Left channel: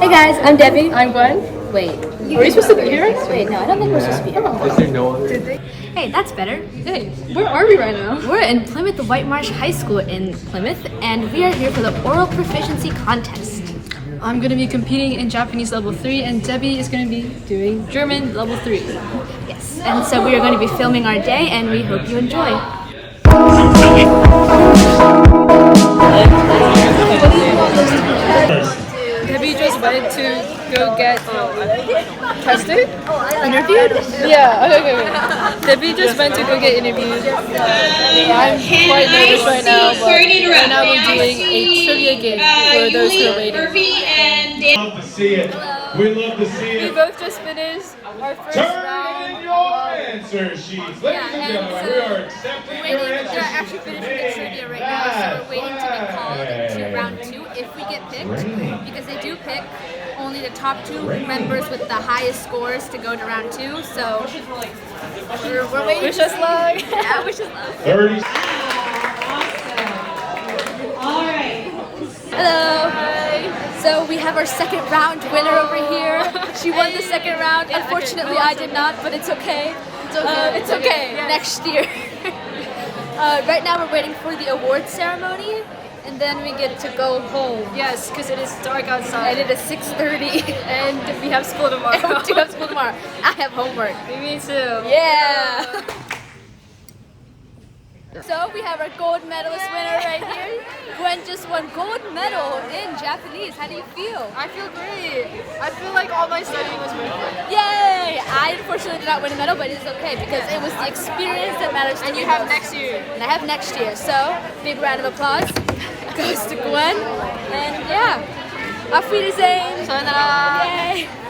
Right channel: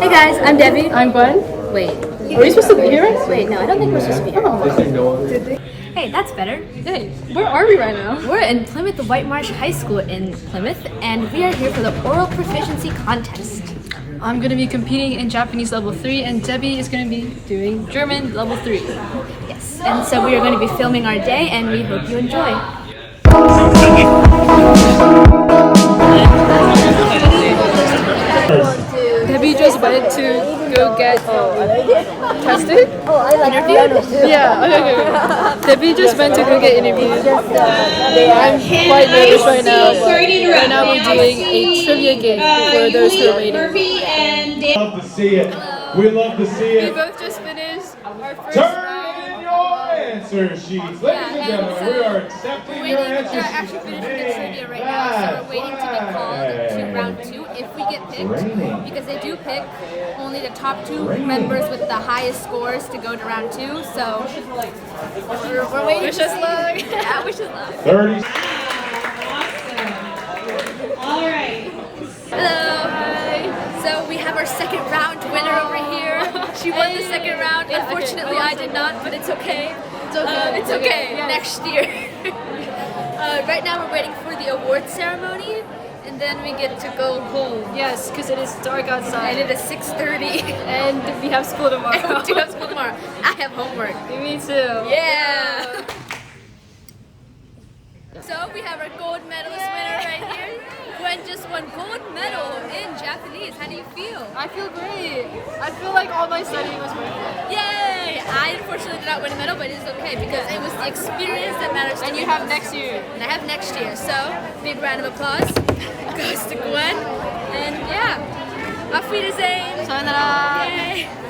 Hey guys, I'm Debbie. I'm Gwen. Wait. Are we supposed to be here right now? Wait, no, I don't think we're supposed to be here. Hey, that's better. Hey, where are we right now? We're in Plymouth White Marsh High School in Plymouth, and we are here for the Oral Proficiency Contest. I'm going to be competing in Japanese level 3, and Debbie is going to be doing German level 3. Yes, and so we are going to be filming our day, and we hope you enjoy. Debbie just went to go get tested? Interviewed? Yeah, okay. Debbie just went to go get interviewed. I'm quite nervous right now, but right now we're doing a trivia game for those who are waiting. We love to see it. We love to see We it. both just finished our first Turn round. in your answer sheets. Ladies and gentlemen, we are accepting your answer They're actually finishing the trivia right now, so we're waiting to be called to round 2 if we get picked, because they do pick only the top 2 members with the highest scores to go to round 2, so we're waiting. Wish us luck. Yeah, wish us luck. 30. Hello. Hi. So we have our second round winner over here. She won the second round. Unfortunately, I did not, but it's okay. It's okay. It's okay. Yes. Next year. Right now, we're waiting for the award ceremony, and then we get to go home. Yes, because it is dark outside. And it is 6:30. And we have school tomorrow. And we do have school tomorrow. I have homework. Me too. Yeah. So we have our gold medalist winner right here. Gwen just won gold medal in Japanese. How do you feel? I feel great. I feel like all my studying was worth it. Yay! I unfortunately did not win a medal, but it's okay because it was the experience that matters to And me you have most. next year. And I have next year. So big round of applause goes to Gwen. And yeah, auf Wiedersehen. Sayonara.